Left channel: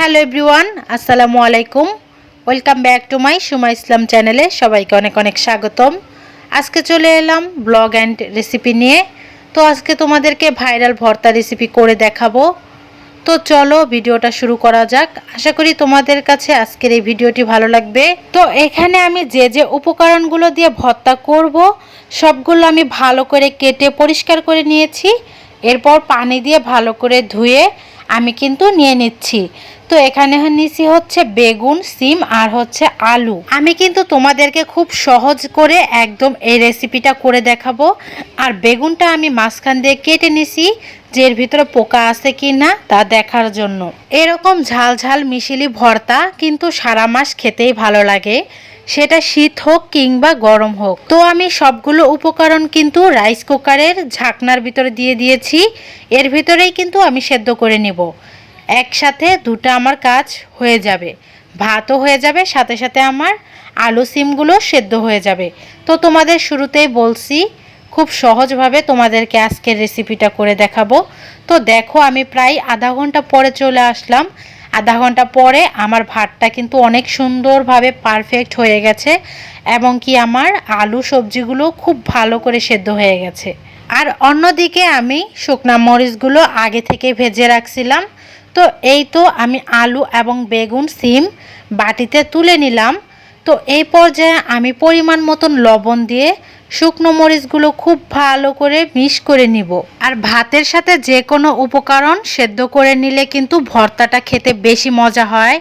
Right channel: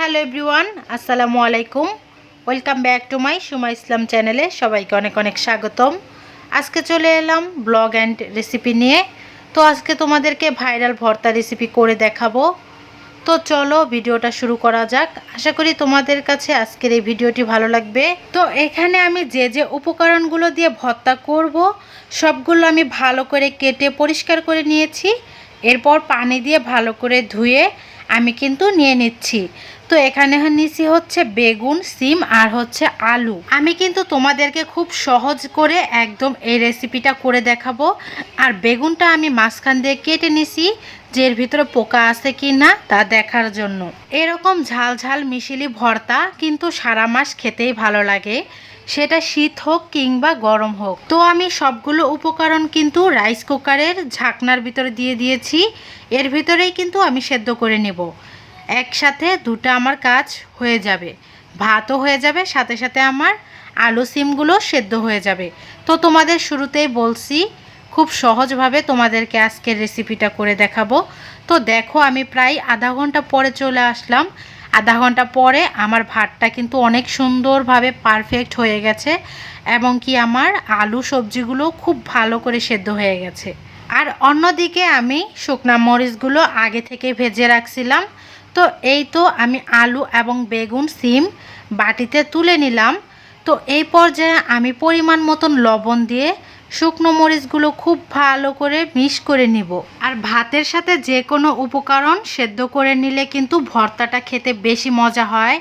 Hello everyone, আসসালামু আলাইকুম। Welcome back to my Suma Islam চ্যানেলে সবাইকে অনেক অনেক স্বাগতম। আজকে চলে এলাম ব্লগ অ্যান্ড রেসিপি নিয়ে। তো আজকে তোমাদেরকে ভাইরাল ভর্তা রেসিপি করে দেখাবো। তো চলো ভিডিওটা শুরু করা যাক। আশা করি তোমাদের কাছে আজকের এই ভিডিওটি ভালো লাগবে। তো এখানে আমি যে যে উপকরণগুলো দিয়ে ভর্তা করব, সবগুলো আমি ভালো করে কেটে পরিষ্কার করে নিয়েছি। এরপর পানি দিয়ে ভালো করে ধুয়ে আমি কিন্তু নিয়ে নিচ্ছি। তো এখানে নিছি হচ্ছে বেগুন, সিম আর হচ্ছে আলু। আমি কিন্তু তোমাদেরকে খুব সহজ করে একদম এই রেসিপিটা করে দেখাবো। আর বেগুনটা আমি মাঝখান দিয়ে কেটে নিছি, যে এর ভিতরে পোকা আছে কি না তা দেখার জন্য। এরকম ঝাল ঝাল মিশিলি ভর্তা কিন্তু সারা মাস খেতেই ভালো লাগে। সেটা শীত হোক কিংবা গরম হোক। তো আমি সবগুলো উপকরণ কিন্তু রাইস কুকারের ঝাকনার ভিতরে দিয়ে দিয়েছি। এর ভিতরেই কিন্তু আমি সেদ্ধ করে নেব। একসাথে দুটো আমার কাজ হয়ে যাবে। ভাতও হয়ে যাবে, সাথে সাথে আমার আলু সিমগুলো সেদ্ধ হয়ে যাবে। তো তোমাদের শুরুতেই বলছি, খুব সহজভাবে তোমাদেরকে আজকের রেসিপিটা করে দেখাবো। তো দেখো, আমি প্রায় আধা ঘণ্টা পরে চলে আসলাম। আধা ঘণ্টা পরে আমার ভাতটা কিন্তু অনেক সুন্দরভাবে পারফেক্ট হয়ে গেছে এবং কি আমার আলু সবজিগুলো খুব ভালো করে সেদ্ধ হয়ে গেছে। আর অন্যদিকে আমি শুকনা মরিচগুলো আগে থেকে ভেজে রাখছিলাম। তো এই তো আমি আলু এবং বেগুন, সিম বাটিতে তুলে নিলাম। তো এই পর্যায়ে আমি পরিমাণ মতন লবণ দিয়ে শুকনো মরিচগুলো খুব ভালো করে মিশ করে নিব। আর ভাতের সাথে যে কোনো উপকরণ সেদ্ধ করে নিলে কিন্তু ভর্তাটা খেতে বেশি মজা হয়,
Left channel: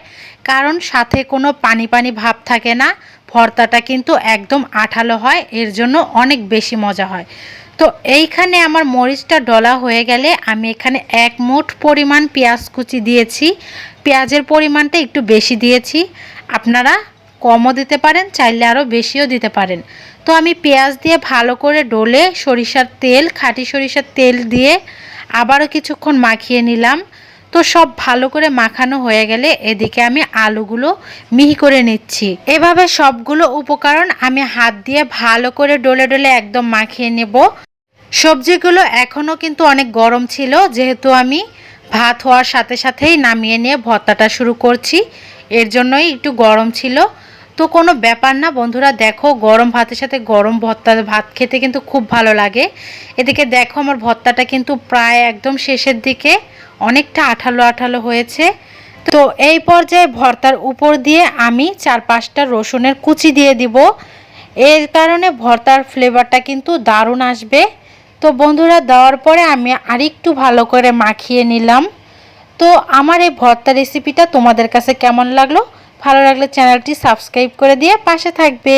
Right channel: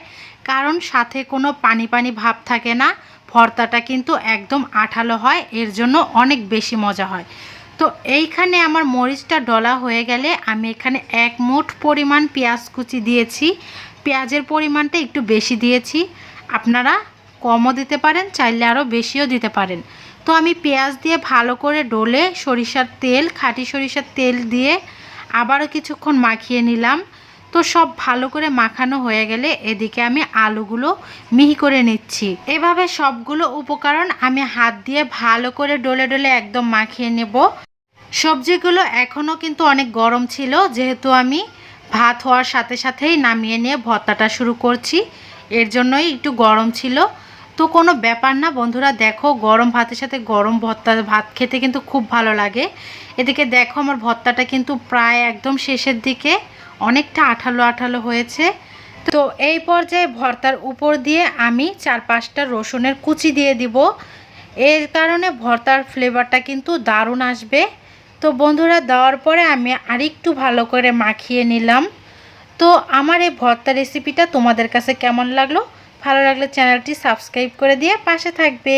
কারণ সাথে কোনো পানি পানি ভাব থাকে না। ভর্তাটা কিন্তু একদম আঠালো হয়, এর জন্য অনেক বেশি মজা হয়। তো এইখানে আমার মরিচটা ডলা হয়ে গেলে আমি এখানে এক মুঠ পরিমাণ পেঁয়াজ কুচি দিয়েছি। পেঁয়াজের পরিমাণটা একটু বেশি দিয়েছি। আপনারা কমও দিতে পারেন, চাইলে আরও বেশিও দিতে পারেন। তো আমি পেঁয়াজ দিয়ে ভালো করে ডলে সরিষার তেল, খাঁটি সরিষার তেল দিয়ে আবারও কিছুক্ষণ মাখিয়ে নিলাম। তো সব ভালো করে মাখানো হয়ে গেলে এদিকে আমি আলুগুলো মিহি করে নিচ্ছি। এভাবে সবগুলো উপকরণ আমি হাত দিয়ে ভালো করে ডলে ডলে একদম মাখিয়ে নেব। সবজিগুলো এখনও কিন্তু অনেক গরম ছিল, যেহেতু আমি ভাত হওয়ার সাথে সাথেই নামিয়ে নিয়ে ভর্তাটা শুরু করছি। এর জন্যই একটু গরম ছিল। তো কোনো ব্যাপার না বন্ধুরা, দেখো গরম ভাতের সাথে গরম ভর্তা, ভাত খেতে কিন্তু খুব ভালো লাগে। এদিকে দেখো আমার ভর্তাটা কিন্তু প্রায় একদম শেষের দিকে অনেকটা আঠালো আঠালো হয়েছে। তো এই পর্যায়ে ভর্তার উপর দিয়ে আমি চার পাঁচটা রসুনের কুচি দিয়ে দিব। এর কারণে ভর্তার ফ্লেভারটা কিন্তু দারুণ আসবে। তো বন্ধুরা, দেওয়ার পরে আমি আরেকটু ভালো করে মাখিয়ে নিলাম। তো আমার এই ভর্তা রেসিপিটা তোমাদের কাছে কেমন লাগল? ভালো লাগলে চ্যানেলটি সাবস্ক্রাইব করে দিয়ে পাশে থাকবে।